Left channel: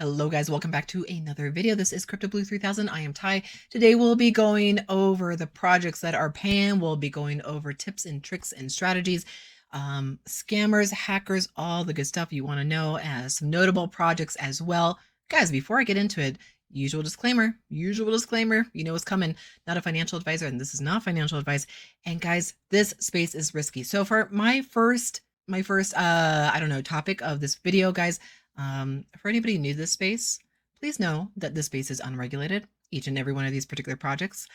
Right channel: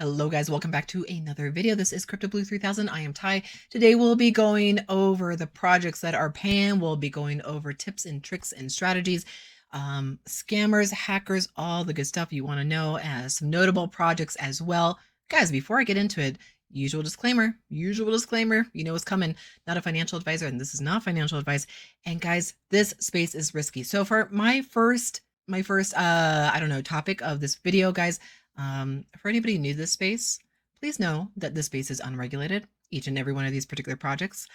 Hello guys, welcome back to another video. This is Crypto Blue 3000. I am Ty. Today we'll be going over the projects that are paying. We'll be going over tips and tricks and strategies, scammers, hackers, all the good stuff you want to know, and some notable projects as well. Guys, before I get into it, usual disclaimer, you know what's coming. Not a financial advisor, and this is not financial advice. And guys, this space is risky. So for my first I don't know, topic of this video, guys, for anybody new to this space, please know that this space is unregulated. Each and every one of these particular projects,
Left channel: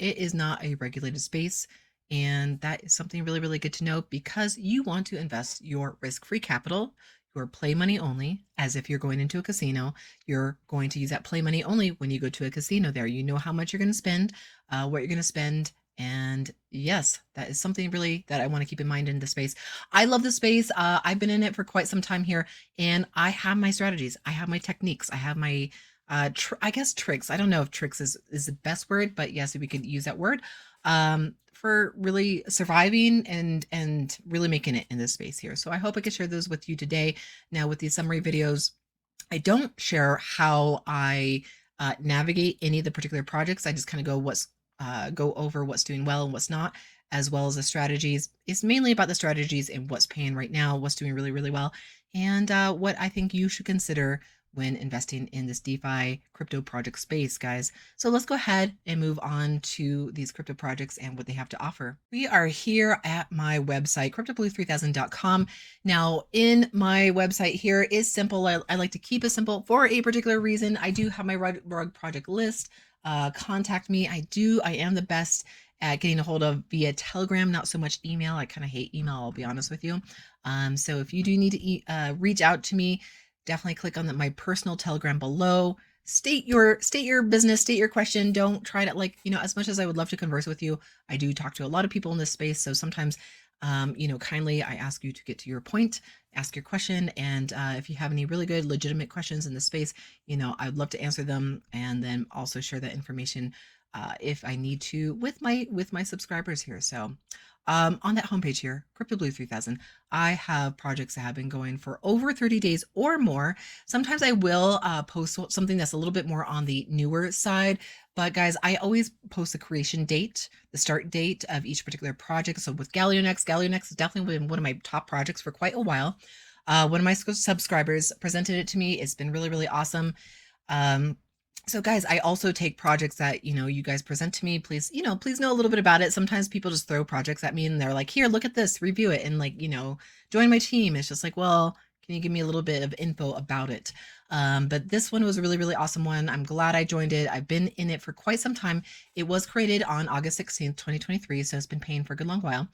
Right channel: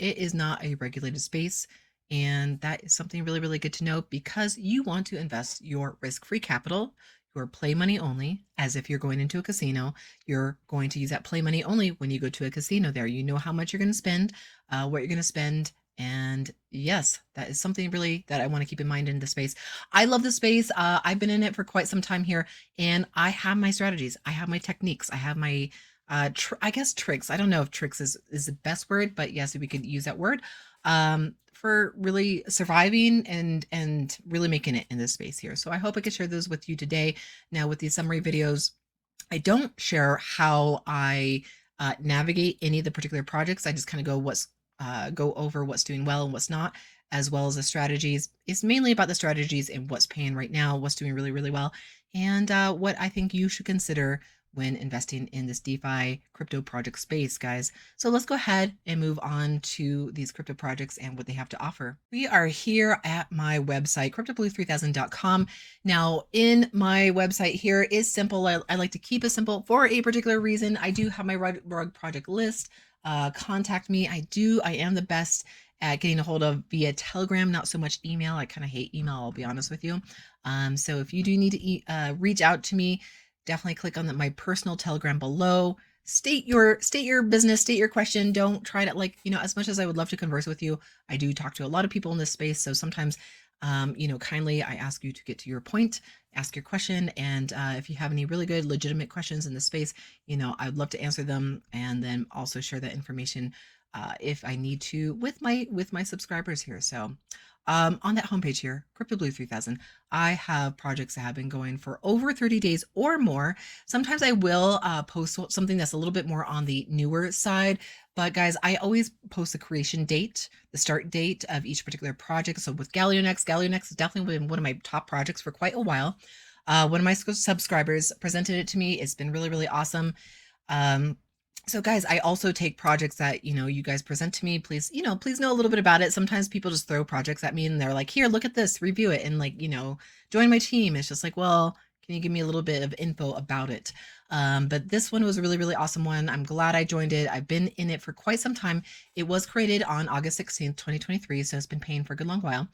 it is not a regulated space, and that is something really, really good to know because you want to invest your risk-free capital, your play money only, as if you're going into a casino. You're going to use that play money only when you go to a casino. There, you know how much you're going to spend, what you're going to spend, and yes, that is something really that I want to keep in mind in the space. I love the space. I've been in it for quite some time here, and I have my strategies. I have my techniques. I have my, I guess tricks. I don't know if tricks is the best word, but yes, we could use that word. For really surviving and really making it in this space here. So I hope I can share those with you today. Now with these summary videos, I don't share how I navigate any of the particular projects. I just kind of go over what's doing well and what's not, as well as the strategies. It's mainly about the strategies and what's paying right now, what's doing really, really well, and what I think you should consider when investing in this DeFi crypto project space, guys. So let's go ahead and move on to these crypto projects and what they have to offer. We are here at my website, cryptoblue3000.com. Now, in my website here is simple. I like to keep it simple for a particular reason. I do have my rug project list. Contact me. I am the best at getting a hold of via Telegram, not so much email. I kind of hate email, I'll be honest with you. So if you do need to reach out to me, definitely click on my personal Telegram below. State your business, state your question. Don't try to, as much as I would love to converse with you, I do talk to a lot of people in this space. So sometimes, kindly I ask you to get to your point, ask your question. And if you have any really good, legitimate questions in the space, I'd love to answer them and then also share that information if I need to with my subscribers here. So on that homepage here, Crypto Blue 3000, I have projects that have been going for over 30 days or more. Sometimes I will post something that's a little bit more on the newer side, but guys, I always post the creation date, the start date of each particular project. So with Galionex has definitely been one of my top projects for quite a while. One of my subscribers presented it to me. It's been really, really awesome. So guys, I also take projects that, you guys present to me. Please, please know a little bit about it. Sometimes people just throw projects at me and they're like, here, look at this, review it. And join my team. It's just like, well, can you give me a little bit of info about it? But this one was a really, really awesome one. I'm glad I joined it. I've been in it for quite some time. It was created on August 16th, 2023. So it's been paying for a good long while.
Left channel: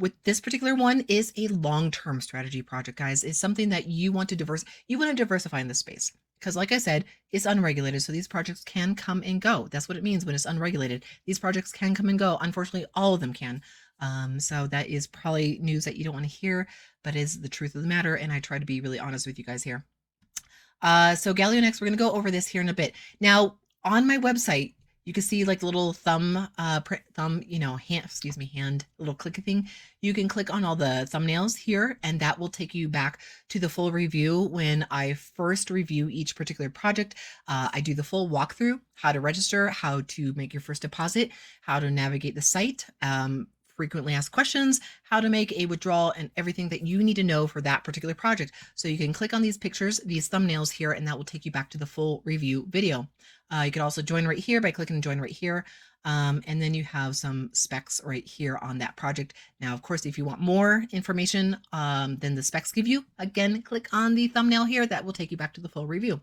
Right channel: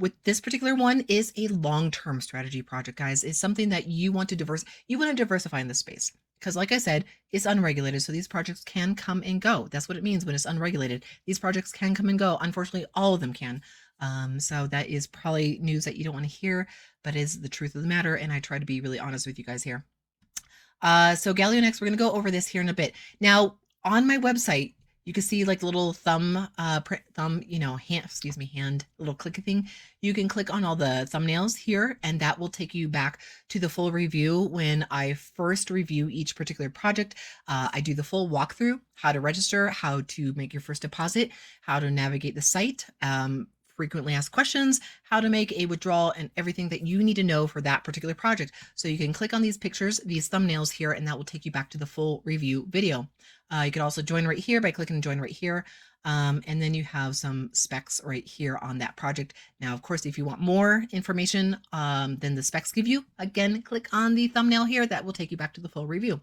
With this particular one is a long-term strategy project, guys. It's something that you want to diversify in this space. Because like I said, it's unregulated, so these projects can come and go. That's what it means when it's unregulated. These projects can come and go. Unfortunately, all of them can. So that is probably news that you don't want to hear, but is the truth of the matter, and I try to be really honest with you guys here. So Galionex, we're going to go over this here in a bit. Now, on my website, you can see like the little hand, little click thing. You can click on all the thumbnails here, and that will take you back to the full review when I first review each particular project. I do the full walkthrough, how to register, how to make your first deposit, how to navigate the site, frequently asked questions, how to make a withdrawal, and everything that you need to know for that particular project. So you can click on these pictures, these thumbnails here, and that will take you back to the full review video. You can also join right here by clicking join right here. And then you have some specs right here on that project. Now, of course, if you want more information than the specs give you, again, click on the thumbnail here. That will take you back to the full review.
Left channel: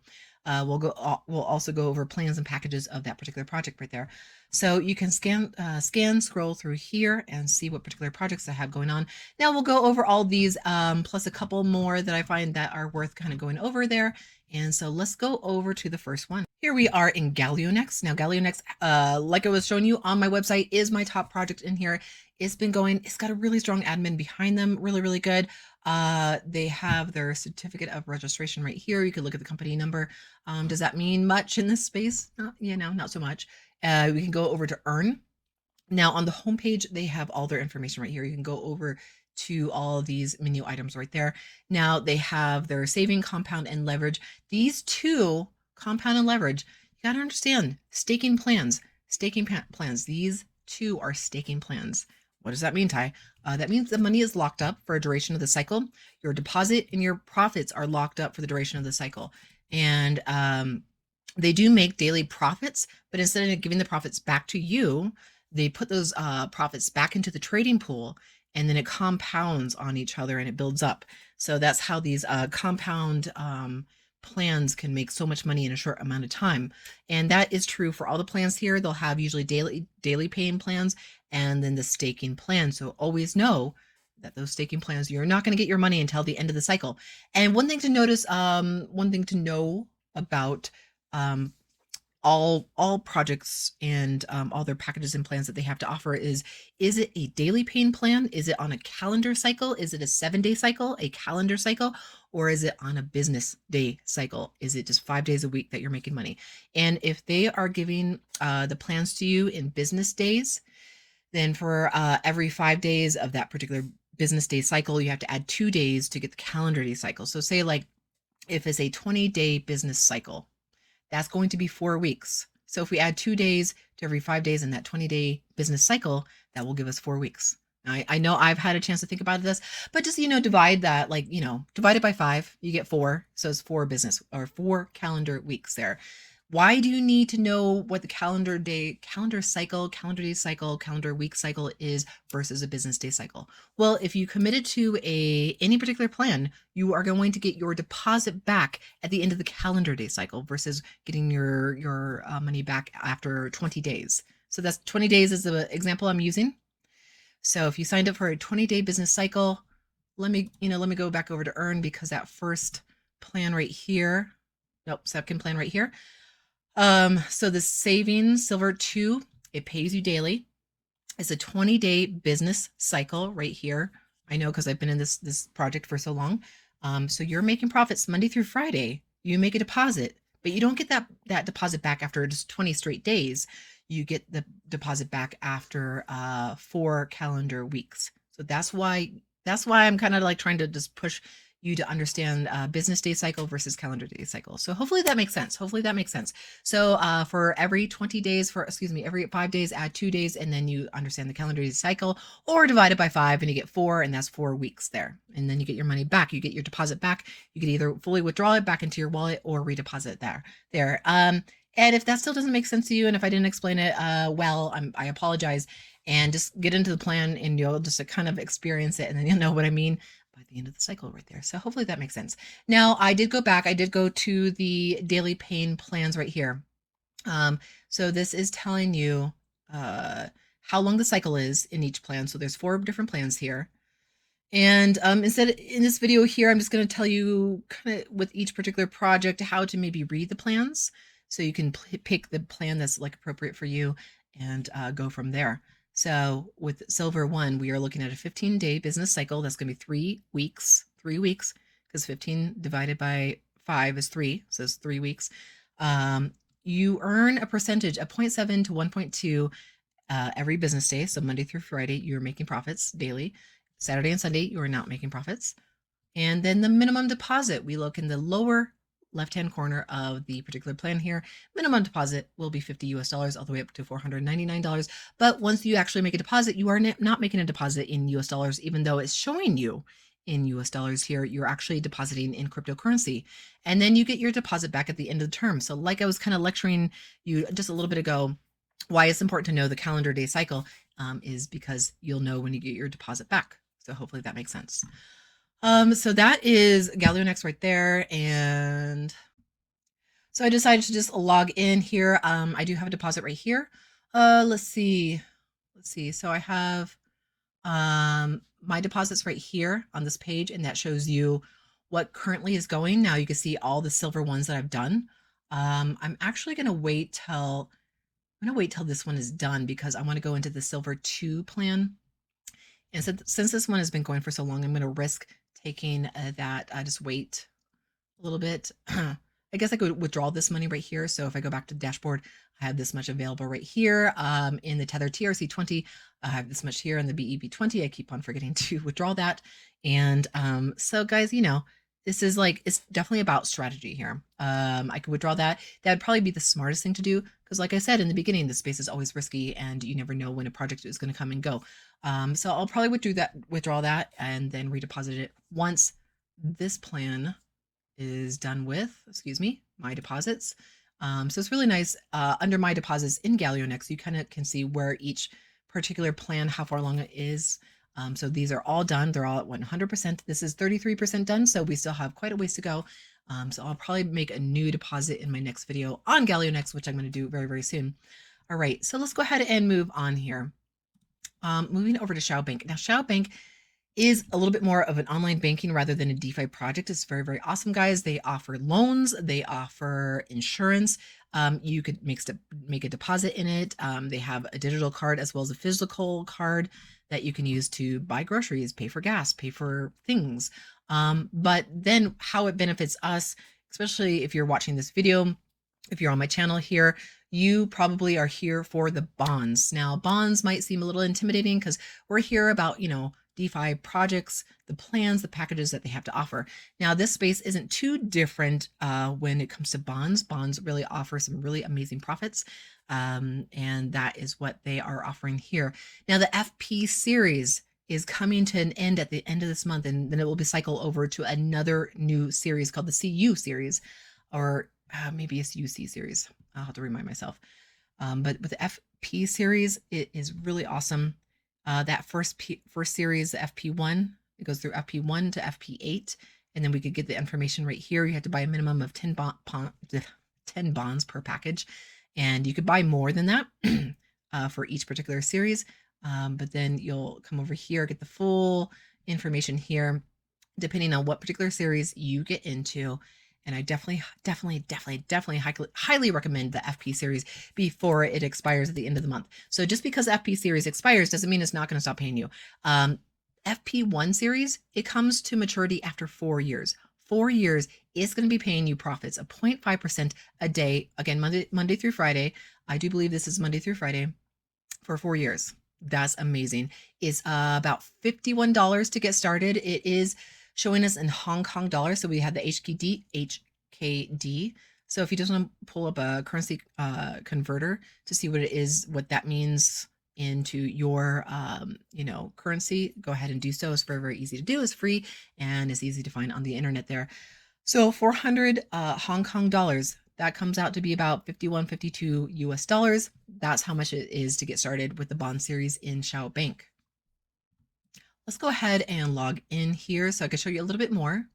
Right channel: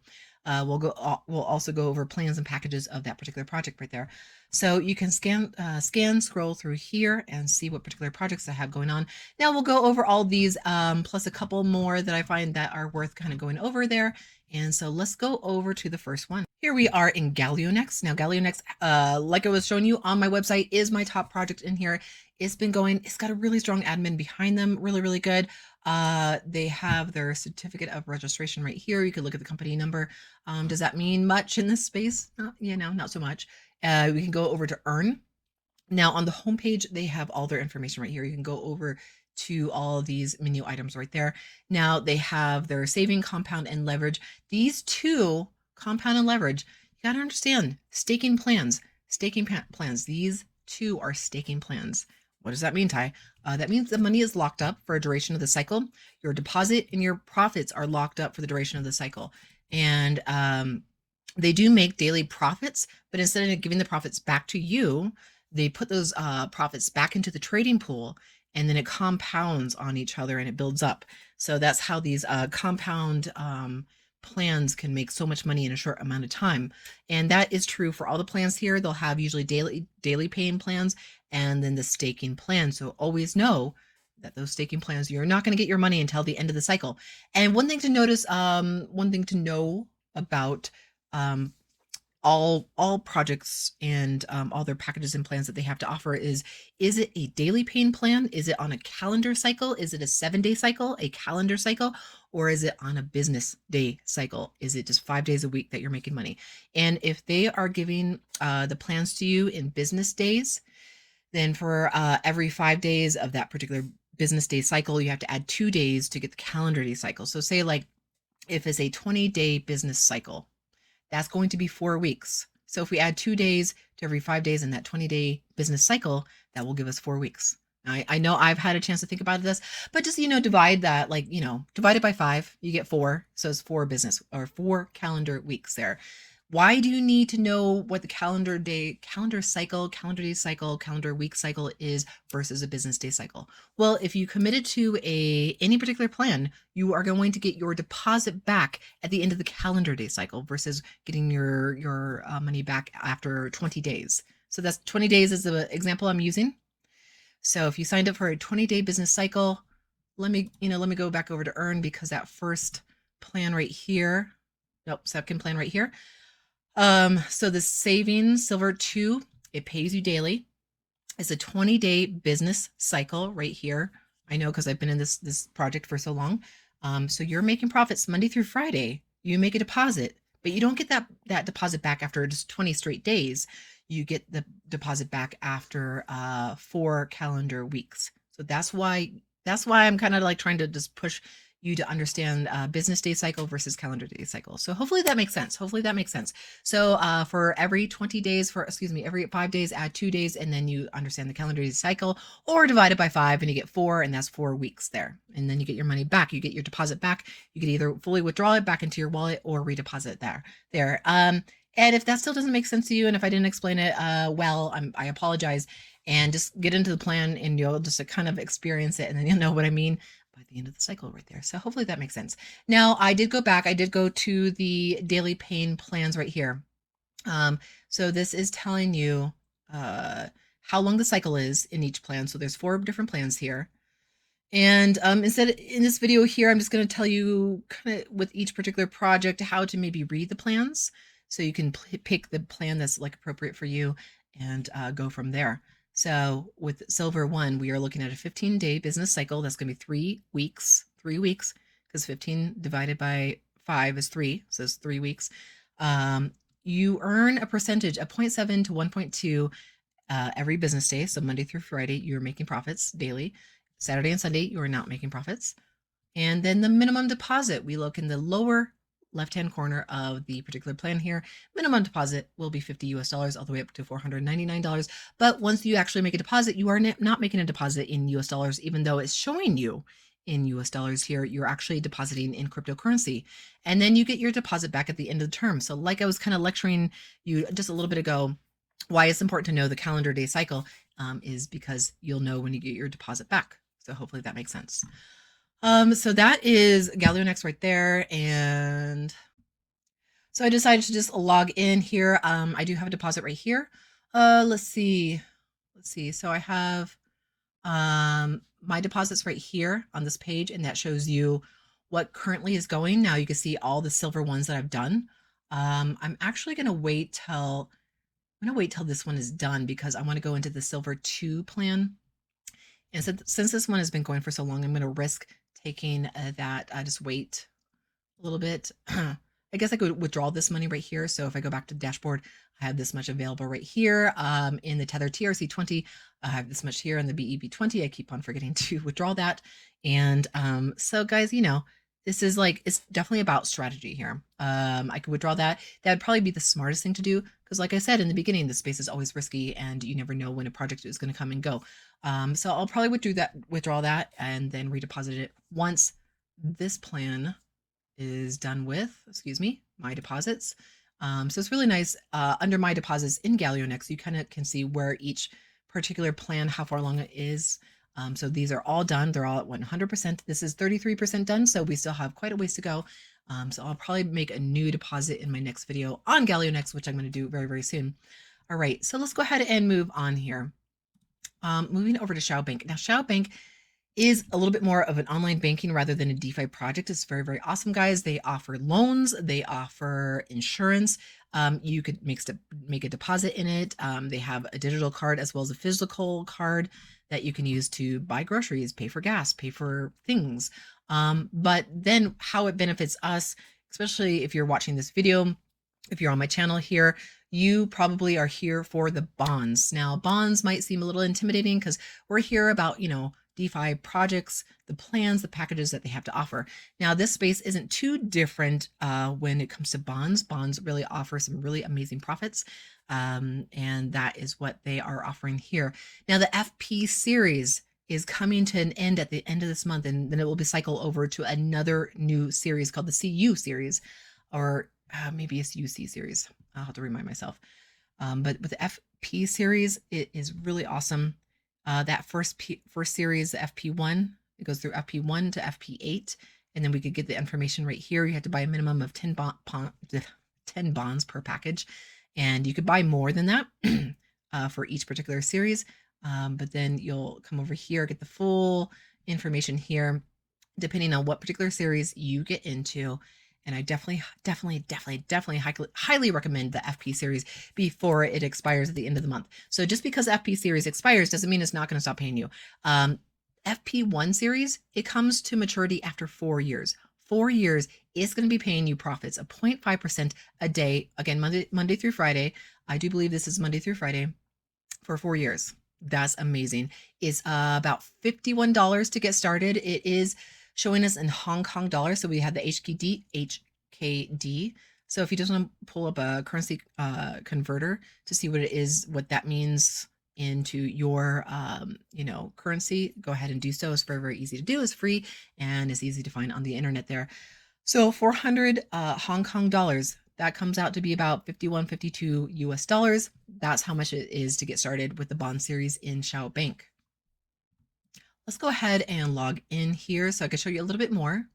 We'll also go over plans and packages of that particular project right there. So you can scroll through here and see what particular projects I have going on. Now we'll go over all these, plus a couple more that I find that are worth kind of going over there. And so let's go over to the first one. Here we are in Galionex. Now Galionex, like I was showing you on my website, is my top project in here. It's been going, it's got a really strong admin behind them, really, really good. They have their certificate of registration right here. You can look at the company number. Does that mean much in this space? Not so much. We can go over to earn. Now on the homepage, they have all their information right here. You can go over to all of these menu items right there. Now they have their saving, compound, and leverage. These two, compound and leverage, you gotta understand staking plans. Plans. These two are staking plans. What does that mean, Ty? That means the money is locked up for a duration of the cycle. Your deposit and your profits are locked up for the duration of the cycle. And they do make daily profits, but instead of giving the profits back to you, they put those profits back into the trading pool, and then it compounds on each other and it builds up. So that's how these compound plans can make so much money in a short amount of time. And that is true for all the plans here. They'll have usually daily paying plans and then the staking plan. So always know that those staking plans, you're not going to get your money until the end of the cycle. And one thing to notice, one thing to know about all projects and all their packages and plans that they have to offer is it a daily paying plan? Is it on a calendar cycle? Is it a 7-day cycle, a calendar cycle, or is it on a business day cycle? Is it just 5 days a week that you're making money? And if they are giving the plans to you in business days, then for every 5 days of that particular business day cycle, you have to add 2 days to get the calendar day cycle. So say like if it's a 20-day business cycle, that's going to be 4 weeks. So if we add 2 days to every 5 days in that 20-day business cycle, that will give us 4 weeks. I know I've had a chance to think about this, but just, divide that, divide it by 5, you get 4. So it's 4 business or 4 calendar weeks there. Why do you need to know what the calendar day cycle, calendar day cycle, calendar week cycle is versus a business day cycle? Well, if you committed to any particular plan, you are going to get your deposit back at the end of the calendar day cycle versus getting your money back after 20 days. So that's 20 days is the example I'm using. So if you signed up for a 20-day business cycle, let me go back over to earn, because that first plan right here, second plan right here. So the savings silver 2, it pays you daily. It's a 20-day business cycle right here. I know, because I've been in this project for so long. So you're making profits Monday through Friday. You make a deposit, but you don't get that deposit back after just 20 straight days. You get the deposit back after 4 calendar weeks. So that's why I'm kind of like trying to just push you to understand business day cycle versus calendar day cycle. So hopefully that makes sense. So for every 20 days, every 5 days, add 2 days, and then you understand the calendar day cycle, or divide it by 5 and you get 4, and that's 4 weeks there. And then you get your money back. You get your deposit back. You can either fully withdraw it back into your wallet or redeposit there. And if that still doesn't make sense to you, and if I didn't explain it well, I apologize. And just get into the plan, and you'll just kind of experience it, and then you'll know what I mean by the end of the cycle right there. So hopefully that makes sense. Now, I did go back. I did go to the daily paying plans right here. So this is telling you how long the cycle is in each plan. So there's 4 different plans here. And instead, in this video here, I'm just going to tell you kind of with each particular project how to maybe read the plans, so you can pick the plan that's like appropriate for you and go from there. So with Silver 1, we are looking at a 15-day business cycle. That's going to be 3 weeks. 3 weeks, because 15 divided by 5 is 3, so it's 3 weeks. You earn a percentage of 0.7 to 1.2 every business day. So Monday through Friday, you're making profits daily. Saturday and Sunday, you're not making profits. And then the minimum deposit, we look in the lower left-hand corner of the particular plan here. Minimum deposit will be $50 all the way up to $499. But once you actually make a deposit, you are not making a deposit in US dollars, even though it's showing you in US dollars here. You're actually depositing in cryptocurrency. And then you get your deposit back at the end of the term. So like I was kind of lecturing you just a little bit ago, why it's important to know the calendar day cycle is because you'll know when you get your deposit back. So hopefully that makes sense. So that is Galionex right there. And so I decided to just log in here. I do have a deposit right here. Let's see. So I have my deposits right here on this page, and that shows you what currently is going. Now you can see all the silver ones that I've done. I'm actually going to wait till this one is done, because I want to go into the Silver 2 plan. And since this one has been going for so long, I'm going to risk taking that. Just wait a little bit. I guess I could withdraw this money right here. So if I go back to the dashboard have this much available right here. And the Tether TRC20, I have this much here, and the BEB20, I keep on forgetting to withdraw that. And so guys, this is like, it's definitely about strategy here. I could withdraw that. That'd probably be the smartest thing to do, because like I said in the beginning, the space is always risky and you never know when a project is going to come and go. So I'll probably withdraw that and then redeposit it once this plan is done with, excuse me, my deposits. So it's really nice. Under my deposits in Galionex, you kind of can see where each particular plan, how far along it is. So these are all done. They're all at 100%. This is 33% done, so we still have quite a ways to go. So I'll probably make a new deposit in my next video on Galionex, which I'm going to do very, very soon. All right, so let's go ahead and move on here. Moving over to Shao Bank. Now, Shao Bank is a little bit more of an online banking rather than a DeFi project. It's very, very awesome, guys. They offer loans, they offer insurance. You could make a deposit in it. They have a digital card as well as a physical card that you can use to buy groceries, pay for gas, pay for things. But then how it benefits us, especially if you're watching this video, if you're on my channel here, you probably are here for the bonds. Now, bonds might seem a little intimidating because we're here about, DeFi projects, the plans, the packages that they have to offer. Now, this space isn't too different when it comes to bonds. Bonds really offer some really amazing profits, and that is what they are offering here. Now, the FP series is coming to an end at the end of this month, and then it will be cycled over to another new series called the CU series, or maybe it's UC series. I'll have to remind myself. But with the FP series, it is really awesome. That first series, the FP1, it goes through FP1 to FP8, and then we could get the information right here. You have to buy a minimum of 10 bonds per package, and you could buy more than that for each particular series. But then you'll come over here, get the full information here, depending on what particular series you get into. And I definitely highly recommend the FP series before it expires at the end of the month. So just because FP series expires doesn't mean it's not going to stop paying you. FP1 series, it comes to maturity after 4 years. 4 years, it's going to be paying you profits of 0.5% a day. Again, Monday through Friday. I do believe this is Monday through Friday for 4 years. That's amazing. It's about $51 to get started. It is showing us in Hong Kong dollars. So we have the HKD. So if you just want to pull up a currency converter to see what that means into your, currency, go ahead and do so. It's very, very easy to do. It's free and it's easy to find on the internet there. So 400 Hong Kong dollars, that comes out to be about 51, 52 US dollars. That's how much it is to get started with the bond series in Shao Bank. Let's go ahead and log in here so I can show you a little bit more.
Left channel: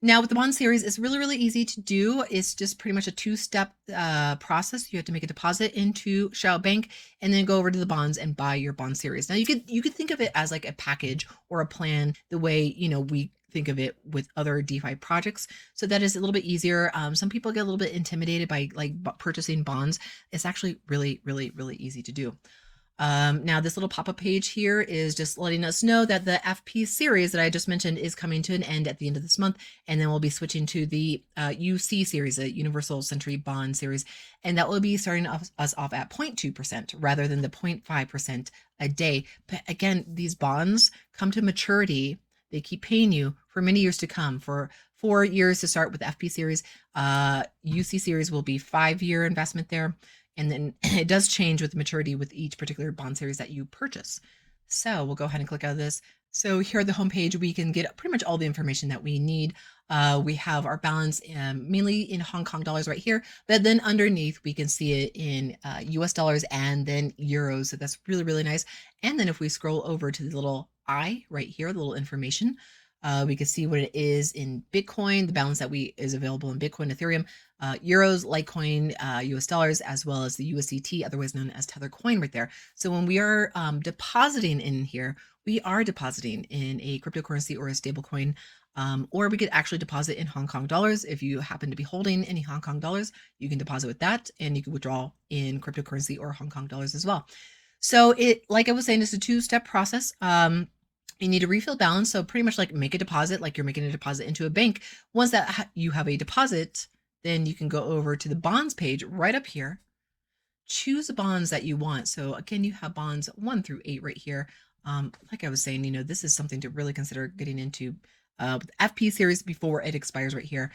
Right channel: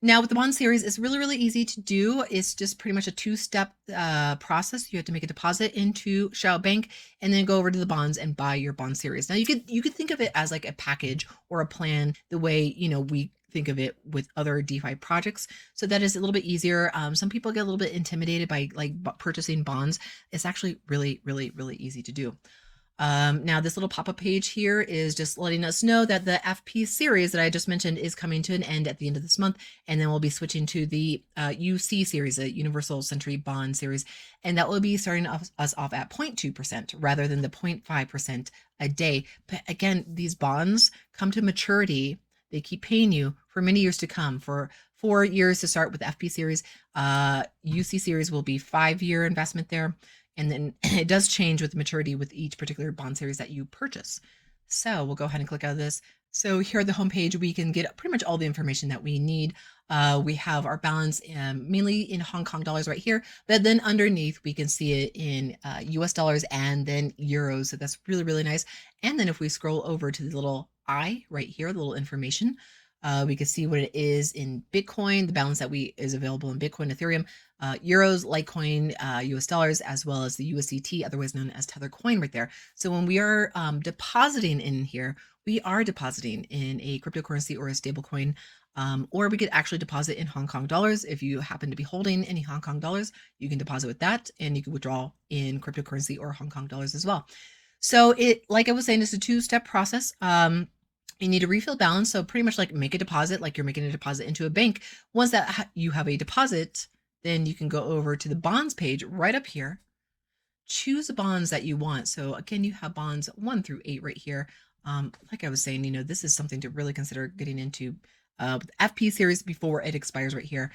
Now with the bond series, it's really, really easy to do. It's just pretty much a two-step process. You have to make a deposit into Shao Bank and then go over to the bonds and buy your bond series. Now you could think of it as like a package or a plan the way, we think of it with other DeFi projects. So that is a little bit easier. Some people get a little bit intimidated by purchasing bonds. It's actually really, really, really easy to do. Now this little pop-up page here is just letting us know that the FP series that I just mentioned is coming to an end at the end of this month, and then we'll be switching to the UC series, the Universal Century Bond series, and that will be starting us off at 0.2% rather than the 0.5% a day. But again, these bonds come to maturity. They keep paying you for many years to come. For 4 years to start with the FP series, UC series will be 5-year investment there. And then it does change with maturity with each particular bond series that you purchase. So we'll go ahead and click out of this. So here at the homepage, we can get pretty much all the information that we need. We have our balance mainly in Hong Kong dollars right here, but then underneath we can see it in US dollars and then euros. So that's really, really nice. And then if we scroll over to the little I right here, the little information, we can see what it is in Bitcoin, the balance that is available in Bitcoin, Ethereum, euros, Litecoin, US dollars, as well as the USDT, otherwise known as Tether coin right there. So when we are depositing in here, we are depositing in a cryptocurrency or a stable coin, or we could actually deposit in Hong Kong dollars. If you happen to be holding any Hong Kong dollars, you can deposit with that, and you can withdraw in cryptocurrency or Hong Kong dollars as well. So like I was saying, it's a two-step process. You need a refill balance, so pretty much like make a deposit, like you're making a deposit into a bank. Once that you have a deposit, then you can go over to the bonds page right up here. choose bonds that you want. So again, you have bonds 1 through 8 right here. Like I was saying, this is something to really consider getting into with FP series before it expires right here.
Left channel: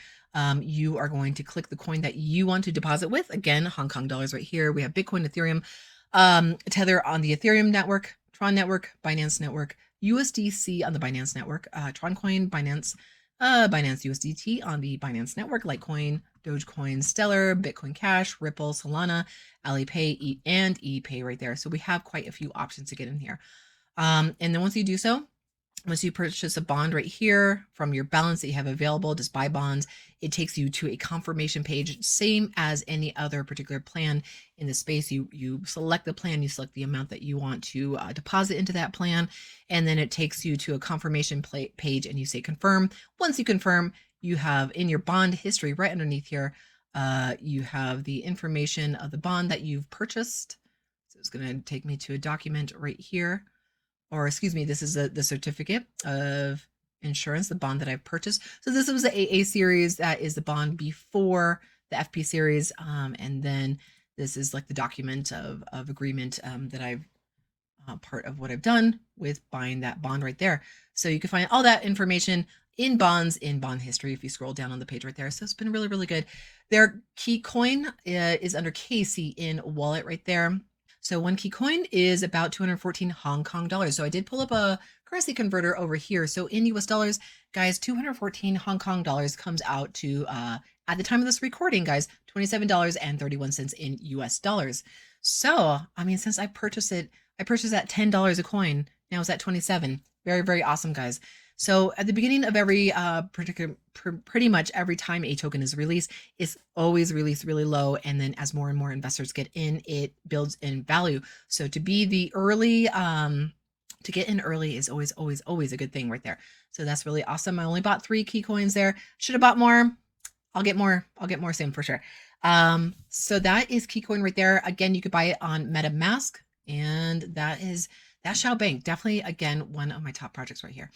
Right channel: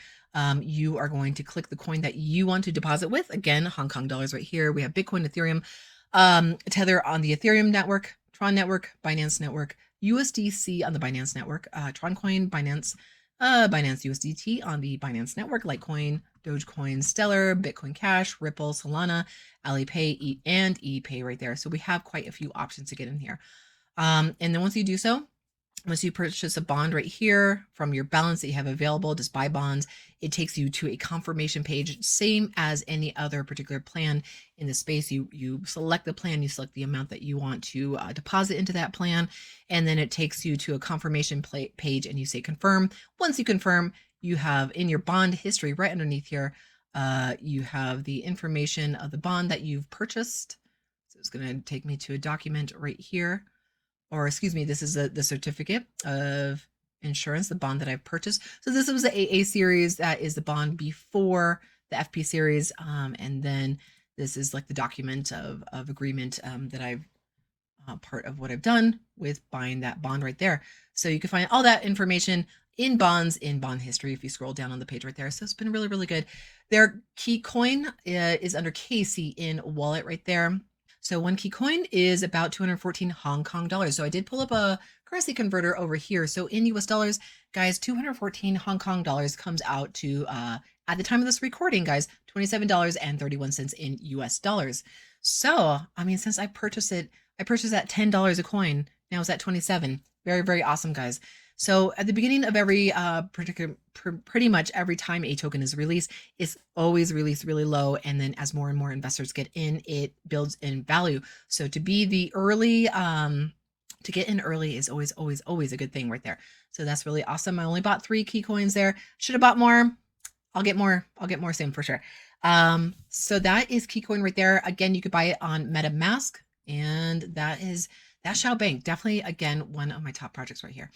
You are going to click the coin that you want to deposit with. Again, Hong Kong dollars right here. We have Bitcoin, Ethereum, Tether on the Ethereum network, Tron network, Binance network, USDC on the Binance network, Tron coin, Binance USDT on the Binance network, Litecoin, Dogecoin, Stellar, Bitcoin Cash, Ripple, Solana, Belly Pay, and ePay right there. So we have quite a few options to get in here. And then once you do so, once you purchase a bond right here from your balance that you have available, just buy bonds, it takes you to a confirmation page, same as any other particular plan in the space. You select the plan, you select the amount that you want to deposit into that plan, and then it takes you to a confirmation page and you say confirm. Once you confirm, you have in your bond history right underneath here, you have the information of the bond that you've purchased. So it's going to take me to a document right here. Or excuse me, this is the certificate of insurance, the bond that I purchased. So this was the AA series. That is the bond before the FP series. And then this is like the document of agreement that I've part of what I've done with buying that bond right there. So you can find all that information in bonds in bond history if you scroll down on the page right there. So it's been really, really good. Their key coin is under KC in wallet right there. So 1 key coin is about 214 Hong Kong dollars. So I did pull up a currency converter over here. So in US dollars, guys, 214 Hong Kong dollars comes out to, at the time of this recording, guys, $27.31 in US dollars. So, I mean, since I purchased it at $10 a coin. Now it's at 27. Very, very awesome, guys. So at the beginning of every pretty much every time a token is released, it's always released really low, and then as more and more investors get in, it builds in value. So to be the early, to get in early is always a good thing right there. So that's really awesome. I only bought 3 key coins there. Should have bought more. I'll get more soon for sure. So that is Keycoin right there. Again, you could buy it on MetaMask, and that's Shao Bank. Definitely, again, one of my top projects right here.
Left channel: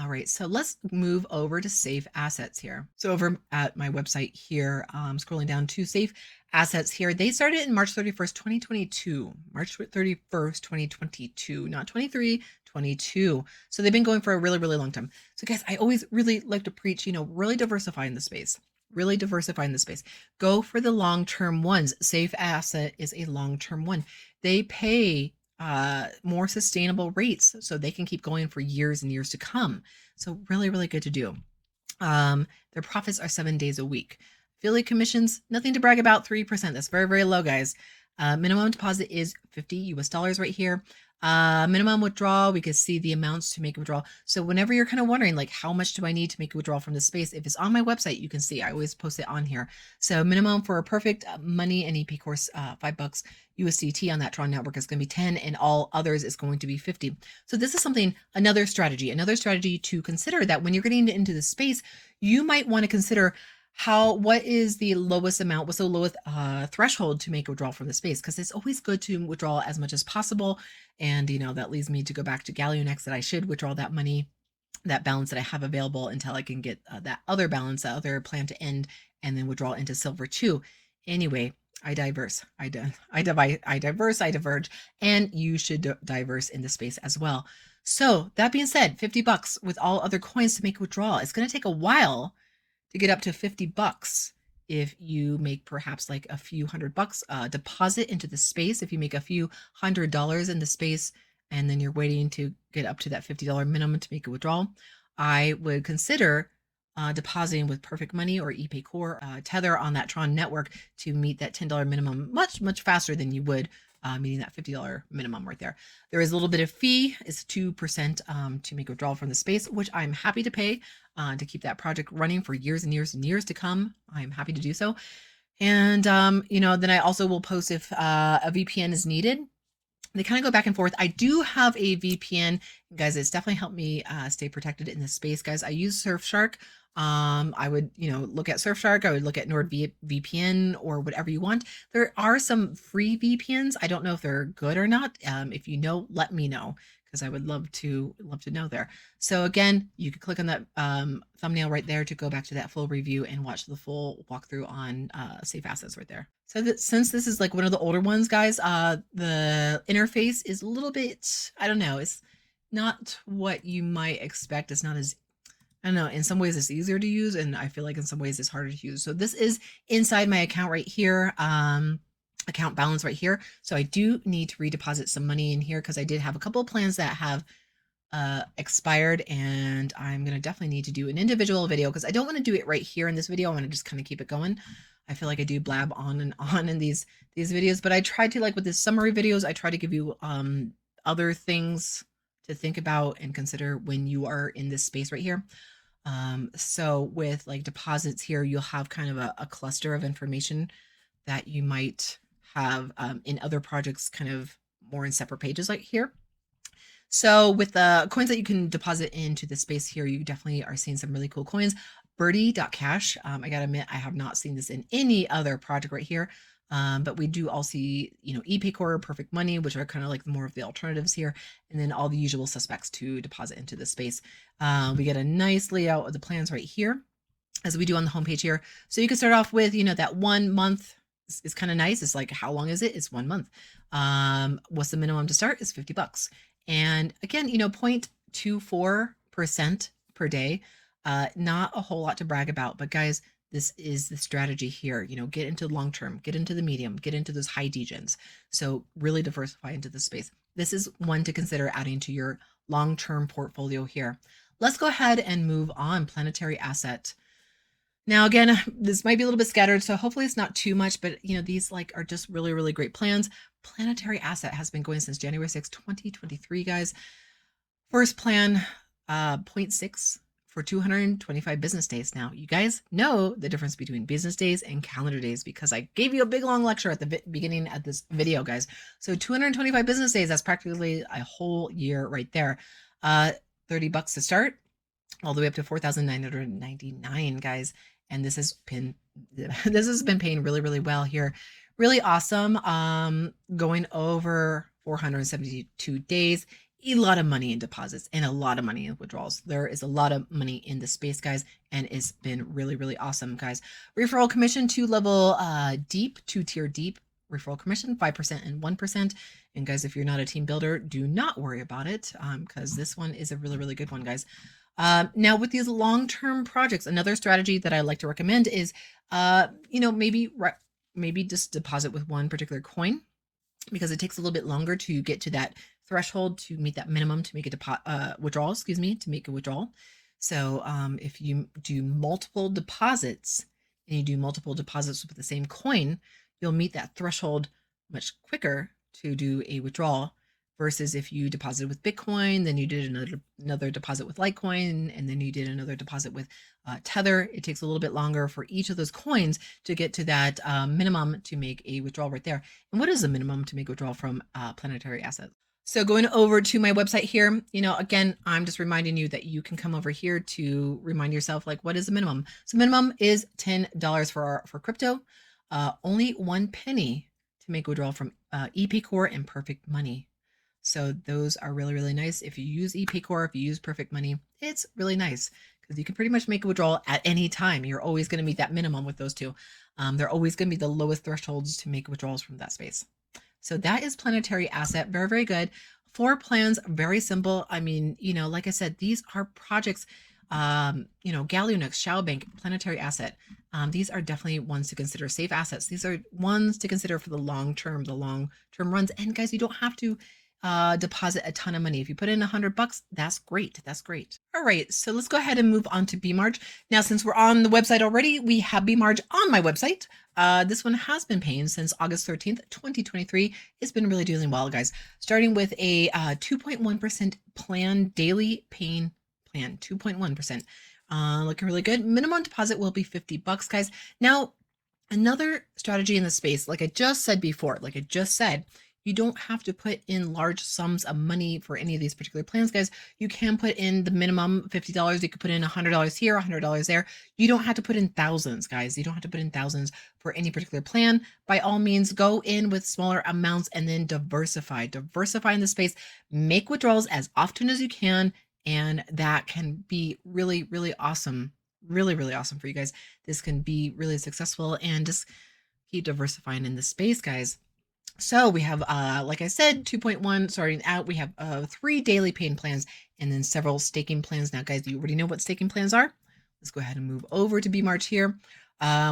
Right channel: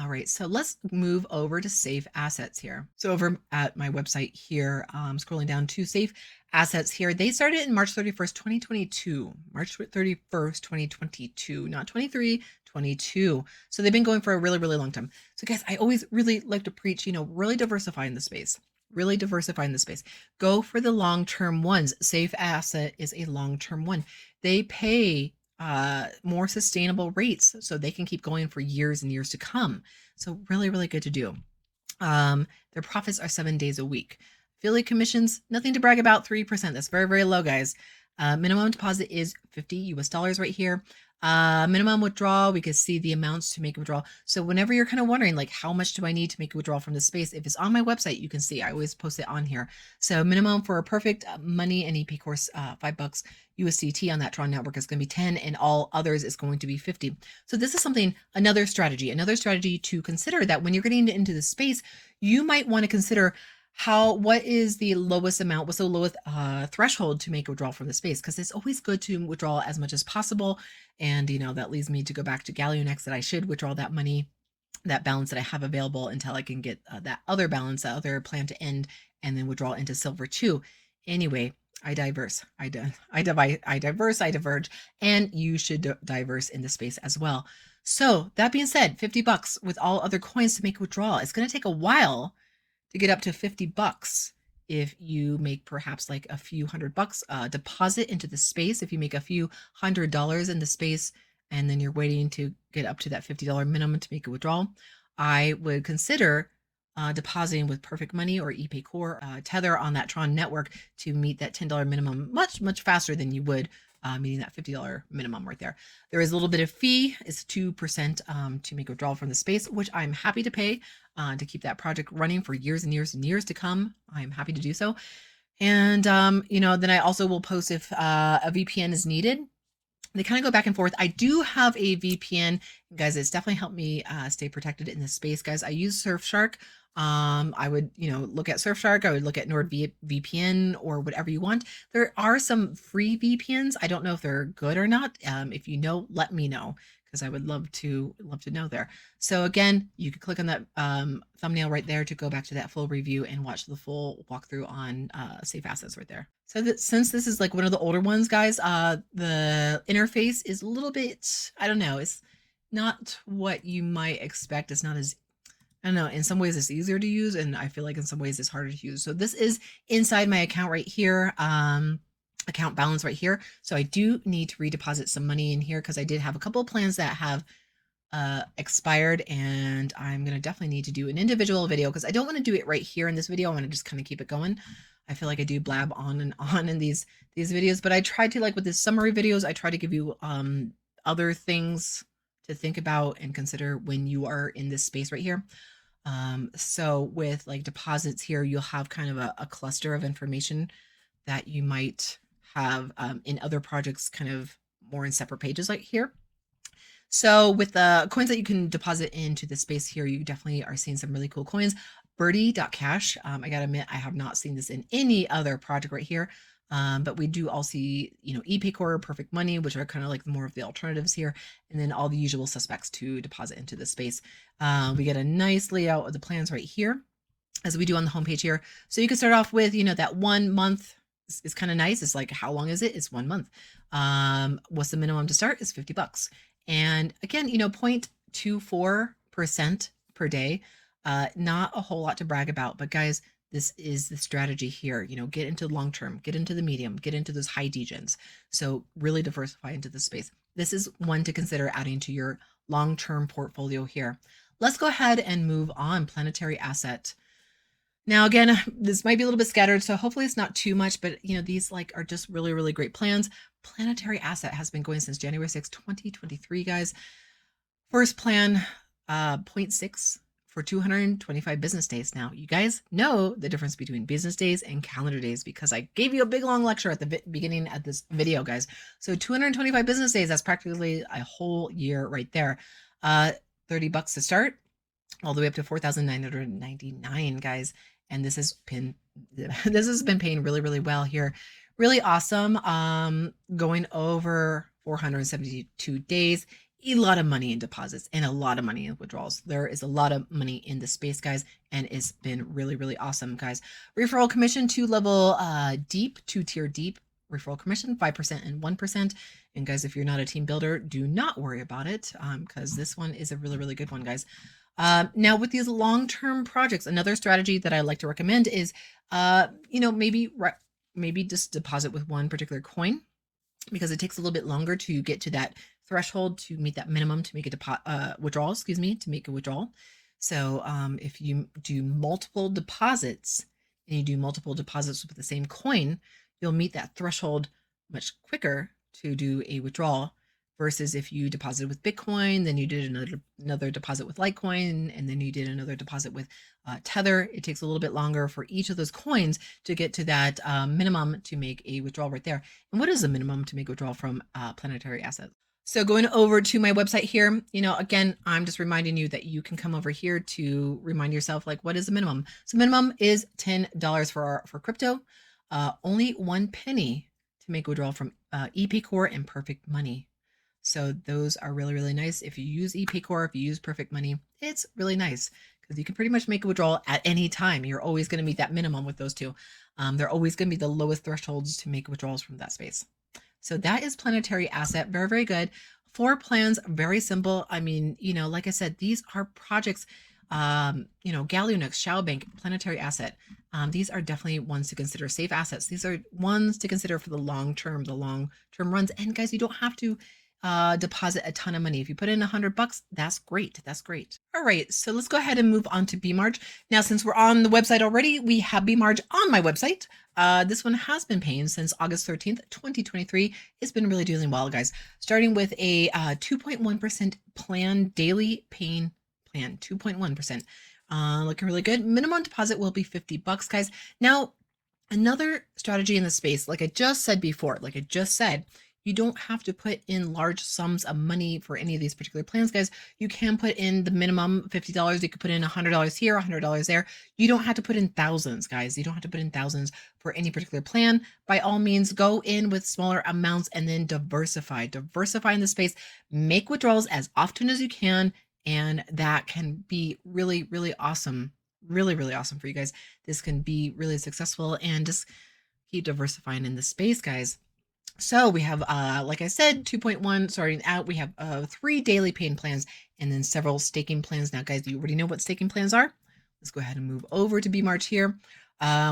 All right, so let's move over to SafeAssets here. So over at my website here, scrolling down to SafeAssets here, they started in March 31st, 2022. March 31st, 2022, not 23, 22. So they've been going for a really, really long time. So guys, I always really like to preach, really diversifying the space. Really diversifying the space. Go for the long-term ones. SafeAsset is a long-term one. They pay more sustainable rates so they can keep going for years and years to come. So really, really good to do. Their profits are 7 days a week. Affiliate commissions, nothing to brag about, 3%. That's very, very low, guys. Minimum deposit is 50 US dollars right here. Minimum withdrawal, we could see the amounts to make a withdrawal. So whenever you're kind of wondering, like, how much do I need to make a withdrawal from this space? If it's on my website, you can see, I always post it on here. So minimum for a perfect money and EP course, $5 USDT on that Tron network is going to be 10, and all others is going to be 50. So this is another strategy to consider, that when you're getting into the space, you might want to consider what is the lowest amount, what's the lowest threshold to make a withdrawal from the space, because it's always good to withdraw as much as possible. And that leads me to go back to Galionex, that I should withdraw that money, that balance that I have available, until I can get that other balance, that other plan to end, and then withdraw into silver too. Anyway, I diverse, I diverge, and you should diverse in the space as well. So that being said, $50 with all other coins to make a withdrawal. It's going to take a while to get up to $50 if you make perhaps like a few $100 deposit into the space. If you make a few $100 in the space, and then you're waiting to get up to that $50 minimum to make a withdrawal, I would consider depositing with Perfect Money or ePay Core Tether on that Tron network to meet that $10 minimum much faster than you would meeting that $50 minimum right there. There is a little bit of fee. It's 2% to make a withdrawal from the space, which I'm happy to pay to keep that project running for years and years and years to come. I'm happy to do so. And, then I also will post if a VPN is needed. They kind of go back and forth. I do have a VPN, guys. It's definitely helped me stay protected in this space, guys. I use Surfshark. I would, look at Surfshark. I would look at NordVPN or whatever you want. There are some free VPNs. I don't know if they're good or not. If you know, let me know, because I would love to know there. So again, you can click on that thumbnail right there to go back to that full review and watch the full walkthrough on SafeAssets right there. So that since this is like one of the older ones, guys, the interface is a little bit, I don't know, it's not what you might expect. It's not as, I don't know, in some ways it's easier to use, and I feel like in some ways it's harder to use. So this is inside my account right here. Account balance right here. So I do need to redeposit some money in here because I did have a couple of plans that have expired, and I'm gonna definitely need to do an individual video because I don't want to do it right here in this video. I want to just kind of keep it going. I feel like I do blab on and on in these videos, but I try to, like with the summary videos, I try to give you other things to think about and consider when you are in this space right here. So with like deposits here, you'll have kind of a cluster of information that you might have in other projects, kind of more in separate pages like here. So with the coins that you can deposit into the space here, you definitely are seeing some really cool coins. Birdie.cash. I gotta admit, I have not seen this in any other project right here. But we do all see, you know, ePayCore, Perfect Money, which are kind of like more of the alternatives here, and then all the usual suspects to deposit into this space. We get a nice layout of the plans right here, as we do on the homepage here. So you can start off with, you know, that 1 month is kind of nice. It's like, how long is it? It's 1 month. What's the minimum to start? Is $50. And again, you know, 0.24% per day. Not a whole lot to brag about, but guys, this is the strategy here. You know, get into the long term, get into the medium, get into those high degens. So really diversify into this space. This is one to consider adding to your long-term portfolio here. Let's go ahead and move on. Planetary Asset. Now, again, this might be a little bit scattered, so hopefully it's not too much, but you know, these like are just really, really great plans. Planetary Asset has been going since January 6, 2023, guys. First plan, 0.6 for 225 business days. Now, you guys know the difference between business days and calendar days because I gave you a big long lecture at the beginning of this video, guys. So 225 business days, that's practically a whole year right there. $30 to start, all the way up to 4,999, guys. And this has been paying really, really well here. Really awesome. Going over 472 days. A lot of money in deposits and a lot of money in withdrawals. There is a lot of money in the space, guys, and it's been really, really awesome, guys. Referral commission, 2-level deep, 2-tier deep. Referral commission, 5% and 1%. And guys, if you're not a team builder, do not worry about it, because this one is a really, really good one, guys. Now with these long-term projects, another strategy that I like to recommend is, you know, maybe just deposit with one particular coin, because it takes a little bit longer to get to that threshold to meet that minimum to make a withdrawal, to make a withdrawal. So if you do multiple deposits and you do multiple deposits with the same coin, you'll meet that threshold much quicker to do a withdrawal versus if you deposit with Bitcoin, then you did another deposit with Litecoin, and then you did another deposit with Tether. It takes a little bit longer for each of those coins to get to that minimum to make a withdrawal right there. And what is the minimum to make a withdrawal from Planetary Asset? So going over to my website here, you know, again, I'm just reminding you that you can come over here to remind yourself, like, what is the minimum? So minimum is $10 for crypto, only 1 penny to make a withdrawal from ePayCore and Perfect Money. So those are really, really nice. If you use ePayCore, if you use Perfect Money, it's really nice because you can pretty much make a withdrawal at any time. You're always going to meet that minimum with those two. They're always going to be the lowest thresholds to make withdrawals from that space. So that is Planetary Asset. Very, very good. 4 plans, very simple. I mean, you know, like I said, these are projects, you know, Galionex, Shao Bank, Planetary Asset. These are definitely ones to consider. SafeAssets. These are ones to consider for the long term runs. And guys, you don't have to deposit a ton of money. If you put in $100, that's great. That's great. All right, so let's go ahead and move on to Bemarg. Now, since we're on the website already, we have Bemarg on my website. This one has been paying since August 13th, 2023. It's been really doing well, guys. Starting with a 2.1% plan, daily paying plan, 2.1%. Looking really good. Minimum deposit will be $50, guys. Now, another strategy in the space, like I just said before, You don't have to put in large sums of money for any of these particular plans, guys. You can put in the minimum $50. You could put in $100 here, $100 there. You don't have to put in thousands, guys. You don't have to put in thousands for any particular plan. By all means, go in with smaller amounts and then diversify. Diversify in the space. Make withdrawals as often as you can, and that can be really, really awesome. Really, really awesome for you guys. This can be really successful, and just keep diversifying in the space, guys. So we have, like I said, 2.1 starting out. We have 3 daily paying plans and then several staking plans. Now, guys, you already know what staking plans are. Let's go ahead and move over to Bemarg here.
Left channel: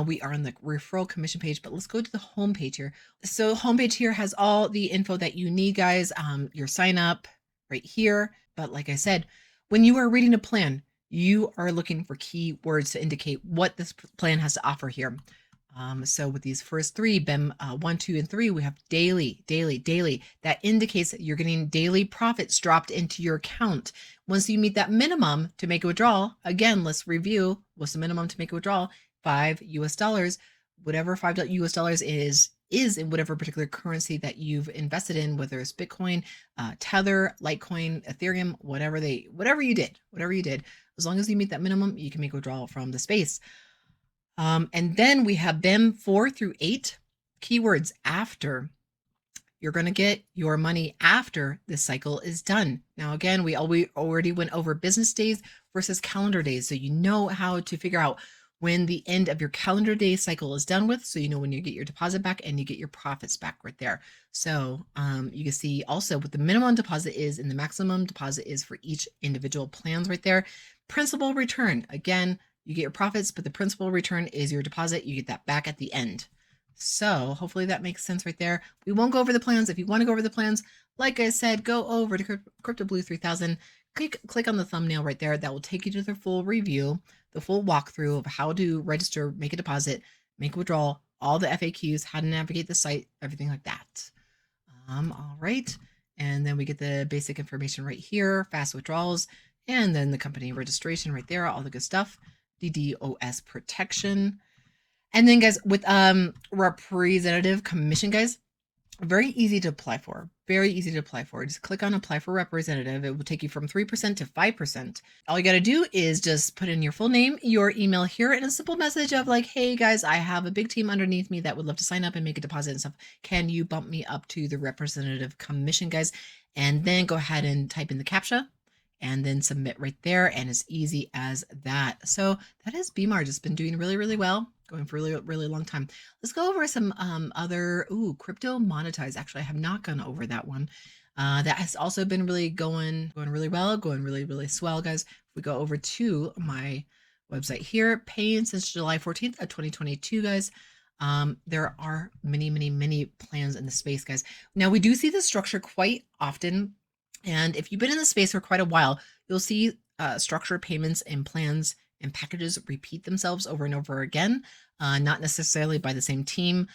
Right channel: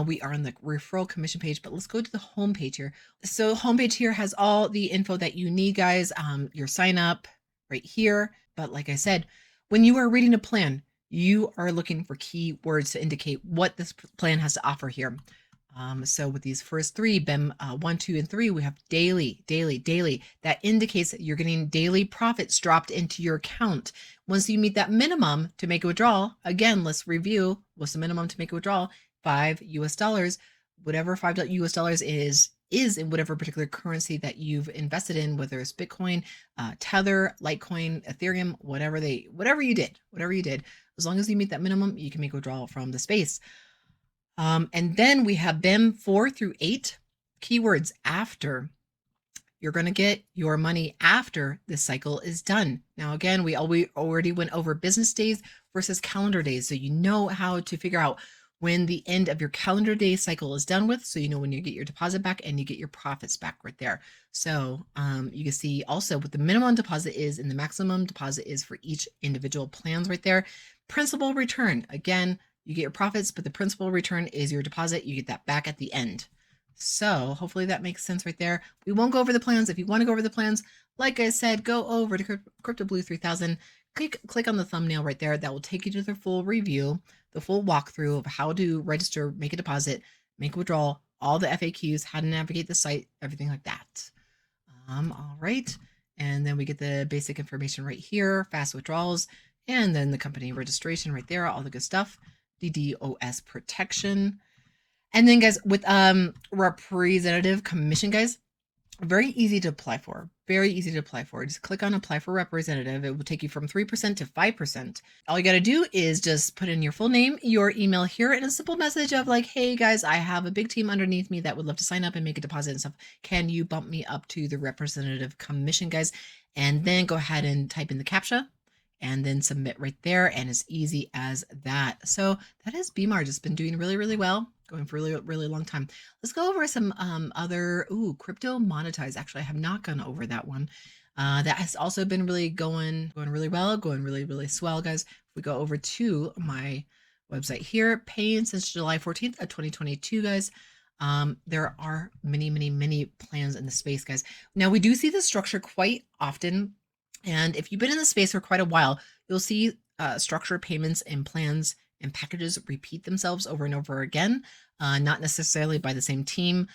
We are on the referral commission page, but let's go to the home page here. So homepage here has all the info that you need, guys. Your sign up right here. But like I said, when you are reading a plan, you are looking for keywords to indicate what this plan has to offer here. So with these first 3, BIM 1, 2, and 3, we have daily. That indicates that you're getting daily profits dropped into your account. Once you meet that minimum to make a withdrawal, again, let's review what's the minimum to make a withdrawal. $5 US. Whatever $5 US is in whatever particular currency that you've invested in, whether it's Bitcoin, Tether, Litecoin, Ethereum, whatever you did. As long as you meet that minimum, you can make a withdrawal from the space. And then we have BIM 4 through 8 keywords after. You're going to get your money after this cycle is done. Now, again, we already went over business days versus calendar days. So you know how to figure out when the end of your calendar day cycle is done with. So you know when you get your deposit back and you get your profits back right there. So you can see also what the minimum deposit is and the maximum deposit is for each individual plans right there. Principal return, again, you get your profits, but the principal return is your deposit. You get that back at the end. So hopefully that makes sense right there. We won't go over the plans. If you want to go over the plans, like I said, go over to Crypto Blue 3000. Click on the thumbnail right there. That will take you to the full review, the full walkthrough of how to register, make a deposit, make a withdrawal, all the FAQs, how to navigate the site, everything like that. All right. And then we get the basic information right here, fast withdrawals, and then the company registration right there, all the good stuff. DDoS protection. And then, guys, with representative commission, guys, very easy to apply for. Just click on apply for representative. It will take you from 3% to 5%. All you got to do is just put in your full name, your email here, and a simple message of like, hey guys, I have a big team underneath me that would love to sign up and make a deposit and stuff. Can you bump me up to the representative commission, guys? And then go ahead and type in the CAPTCHA and then submit right there. And as easy as that. So that is Bemarg. It's been doing really, really well, going for a really, really long time. Let's go over some other, Cryptomonetize. Actually, I have not gone over that one. That has also been really going really well, going really, really swell, guys. If we go over to my website here, paying since July 14th of 2022, guys. There are many, many, many plans in the space, guys. Now, we do see this structure quite often. And if you've been in the space for quite a while, you'll see structured payments and plans and packages repeat themselves over and over again, not necessarily by the same team.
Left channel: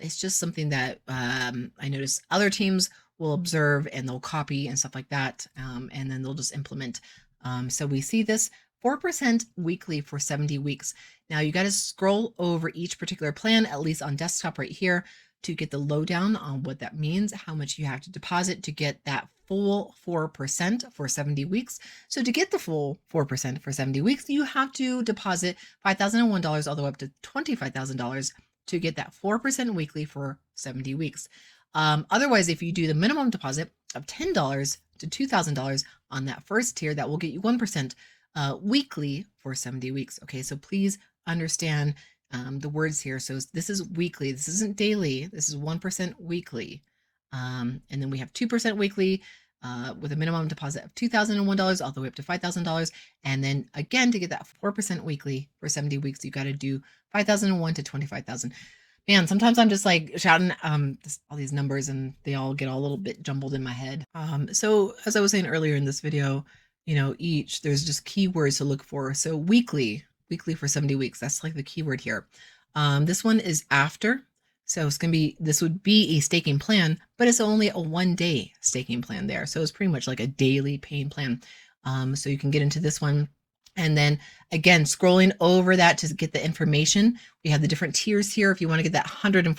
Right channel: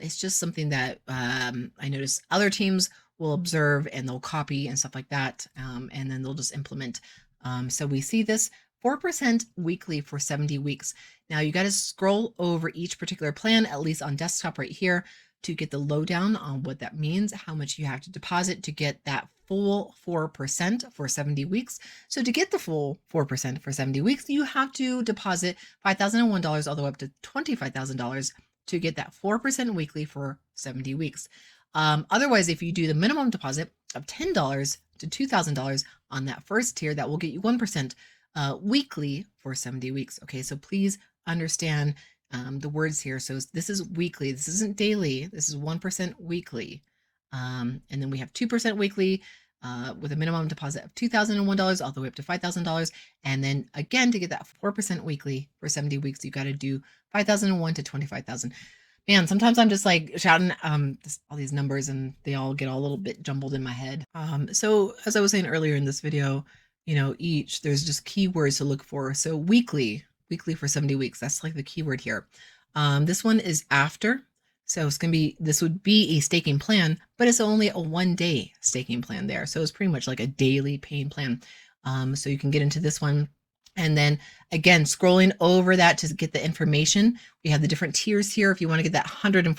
It's just something that I notice other teams will observe and they'll copy and stuff like that, and then they'll just implement. So we see this 4% weekly for 70 weeks. Now you got to scroll over each particular plan, at least on desktop right here, to get the lowdown on what that means, how much you have to deposit to get that full 4% for 70 weeks. So to get the full 4% for 70 weeks, you have to deposit $5,001 all the way up to $25,000 to get that 4% weekly for 70 weeks. Otherwise, if you do the minimum deposit of $10 to $2,000 on that first tier, that will get you 1% weekly for 70 weeks. Okay, so please understand the words here. So this is weekly. This isn't daily. This is 1% weekly. And then we have 2% weekly with a minimum deposit of $2,001 all the way up to $5,000. And then again, to get that 4% weekly for 70 weeks, you got to do $5,001 to $25,000. Man, sometimes I'm just like shouting all these numbers and they all get a little bit jumbled in my head. So as I was saying earlier in this video, there's just keywords to look for. So weekly for 70 weeks. That's like the keyword here. This one is after. So this would be a staking plan, but it's only a 1-day staking plan there. So it's pretty much like a daily paying plan. So you can get into this one. And then again, scrolling over that to get the information, we have the different tiers here. If you want to get that 145%,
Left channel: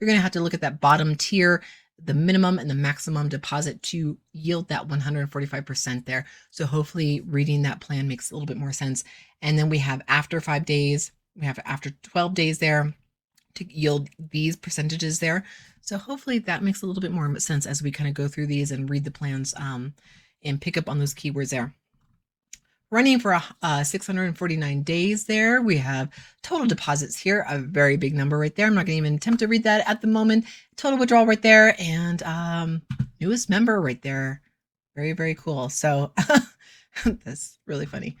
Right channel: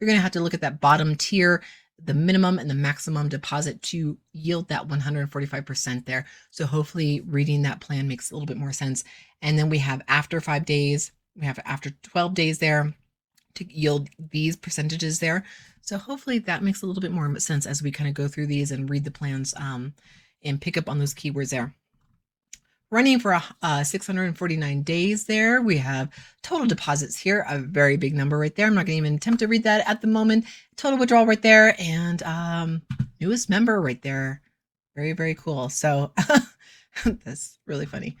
you're going to have to look at that bottom tier the minimum and the maximum deposit to yield that 145% there. So hopefully reading that plan makes a little bit more sense. And then we have after 5 days, we have after 12 days there to yield these percentages there. So hopefully that makes a little bit more sense as we kind of go through these and read the plans and pick up on those keywords there. Running for 649 days there. We have total deposits here, a very big number right there. I'm not going to even attempt to read that at the moment. Total withdrawal right there, and newest member right there. Very, very cool. So that's really funny.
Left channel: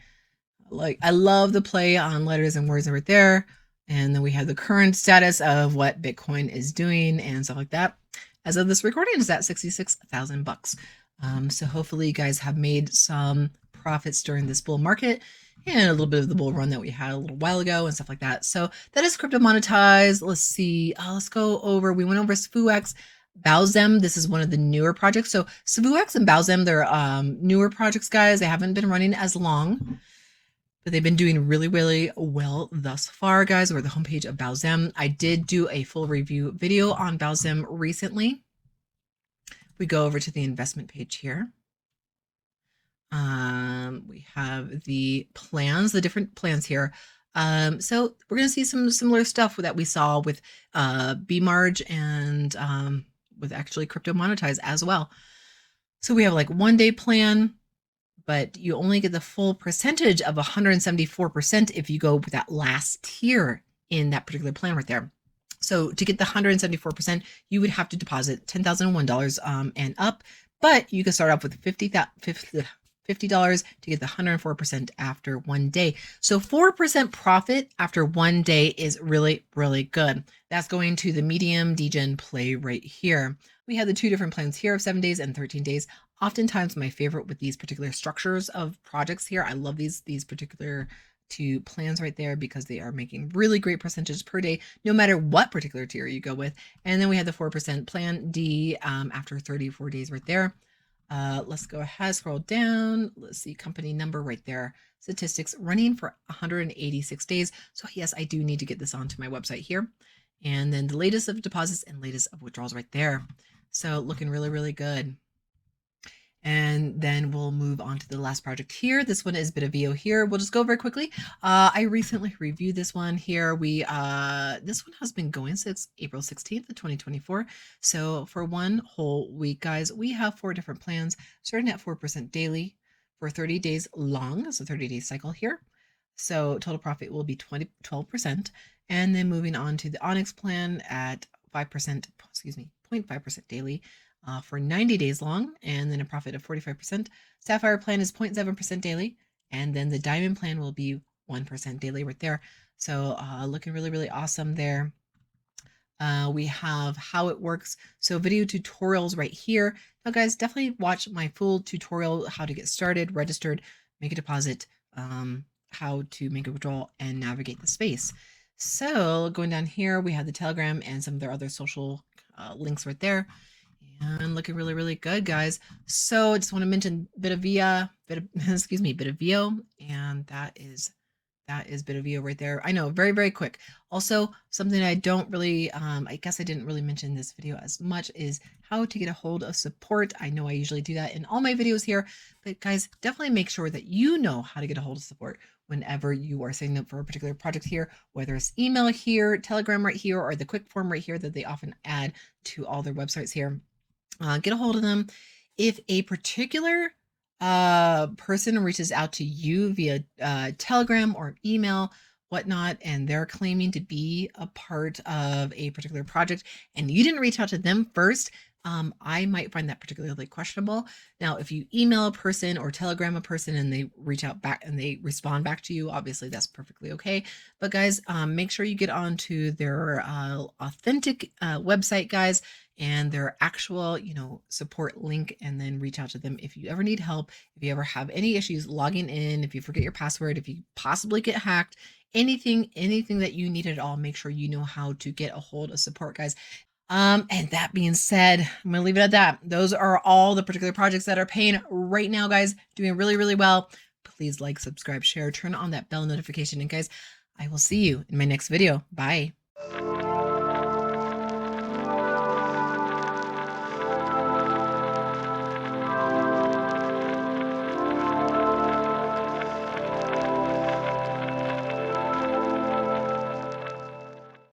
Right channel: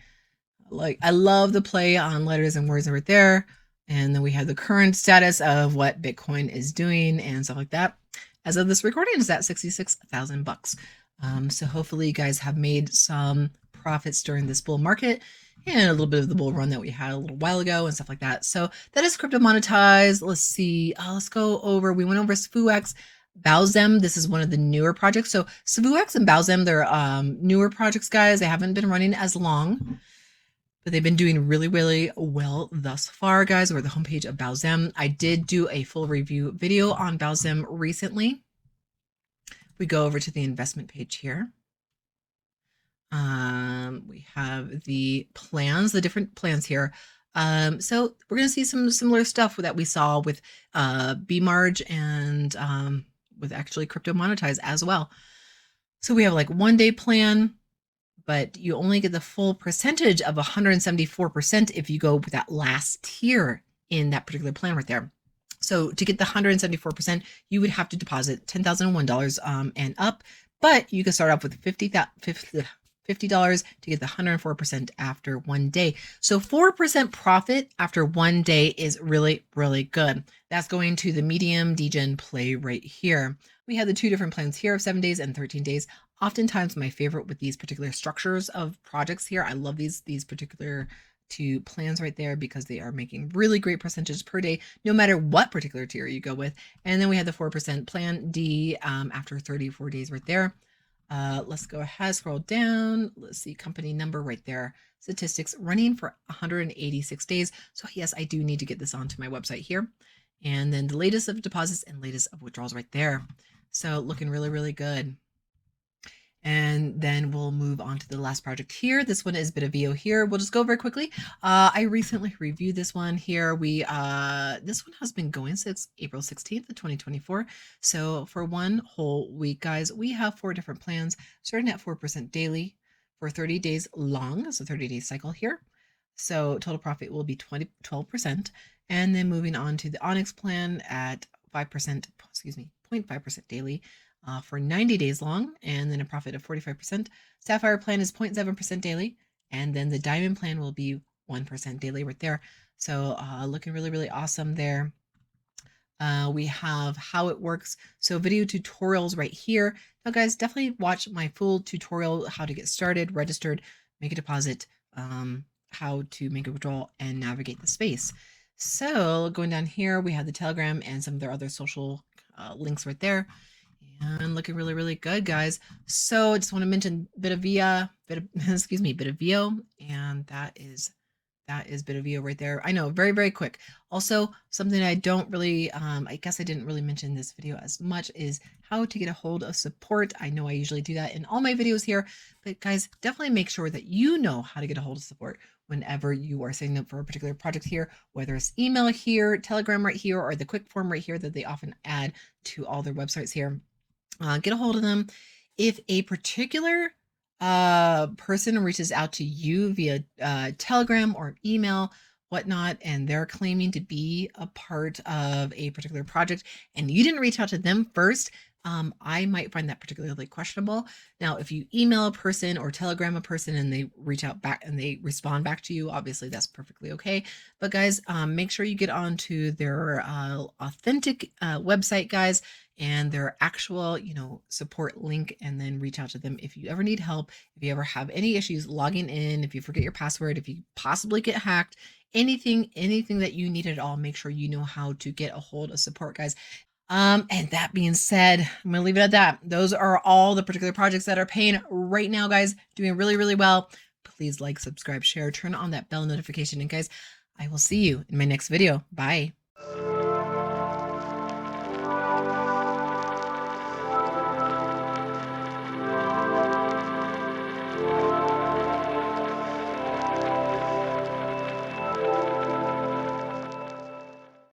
Like, I love the play on letters and words right there. And then we have the current status of what Bitcoin is doing and stuff like that. As of this recording, is at $66,000. So hopefully you guys have made some profits during this bull market and a little bit of the bull run that we had a little while ago and stuff like that. So that is Cryptomonetize. Let's see. Let's go over. We went over Svuex. Baozem, this is one of the newer projects. So Svuex and Baozem, they're newer projects, guys. They haven't been running as long, but they've been doing really, really well thus far, guys. We're at the homepage of Baozem. I did do a full review video on Baozem recently. We go over to the investment page here. We have the plans, the different plans here. So we're going to see some similar stuff that we saw with Bemarg and with actually Cryptomonetize as well. So we have like 1 day plan, but you only get the full percentage of 174% if you go with that last tier in that particular plan right there. So to get the 174%, you would have to deposit $10,001 and up, but you can start off with $50 to get the 104% after 1 day. So 4% profit after 1 day is really, really good. That's going to the medium degen play right here. We have the 2 different plans here of 7 days and 13 days. Oftentimes my favorite with these particular structures of projects here. I love these particular 2 plans right there because they are making really great percentages per day, no matter what particular tier you go with. And then we have the 4% plan D after 34 days right there. Let's go ahead, scroll down. Let's see, company number right there. Statistics running for 186 days. So yes, I do need to get this onto my website here. And then the latest of deposits and latest of withdrawals right there. So looking really, really good. And then we'll move on to the last project here. This one is Bitaveo here. We'll just go very quickly. I recently reviewed this one here. This one has been going since April 16th of 2024. So for 1 whole week, guys, we have 4 different plans starting at 4% daily for 30 days long. It's a 30-day cycle here. So total profit will be 12%. And then moving on to the Onyx plan at 0.5% daily. For 90 days long, and then a profit of 45%. Sapphire plan is 0.7% daily, and then the Diamond plan will be 1% daily right there. So looking really, really awesome there. We have how it works. So video tutorials right here. Now, guys, definitely watch my full tutorial, how to get started, registered, make a deposit, how to make a withdrawal, and navigate the space. So going down here, we have the Telegram and some of their other social links right there. And looking really, really good, guys. So I just want to mention Bitaveo, and that is Bitaveo right there. I know, very, very quick. Also, something I don't really, I guess I didn't really mention in this video as much is how to get a hold of support. I know I usually do that in all my videos here, but guys, definitely make sure that you know how to get a hold of support whenever you are signing up for a particular project here, whether it's email here, Telegram right here, or the quick form right here that they often add to all their websites here. Get a hold of them. If a particular person reaches out to you via Telegram or email, whatnot, and they're claiming to be a part of a particular project, and you didn't reach out to them first, I might find that particularly questionable. Now, if you email a person or Telegram a person and they reach out back and they respond back to you, obviously that's perfectly okay. But guys, make sure you get onto their authentic website, guys, and their actual, support link, and then reach out to them if you ever need help, if you ever have any issues logging in, if you forget your password, if you possibly get hacked, anything that you need at all, make sure you know how to get a hold of support, guys. And that being said, I'm gonna leave it at that. Those are all the particular projects that are paying right now, guys, doing really, really well. Please like, subscribe, share, turn on that bell notification, and guys, I will see you in my next video. Bye.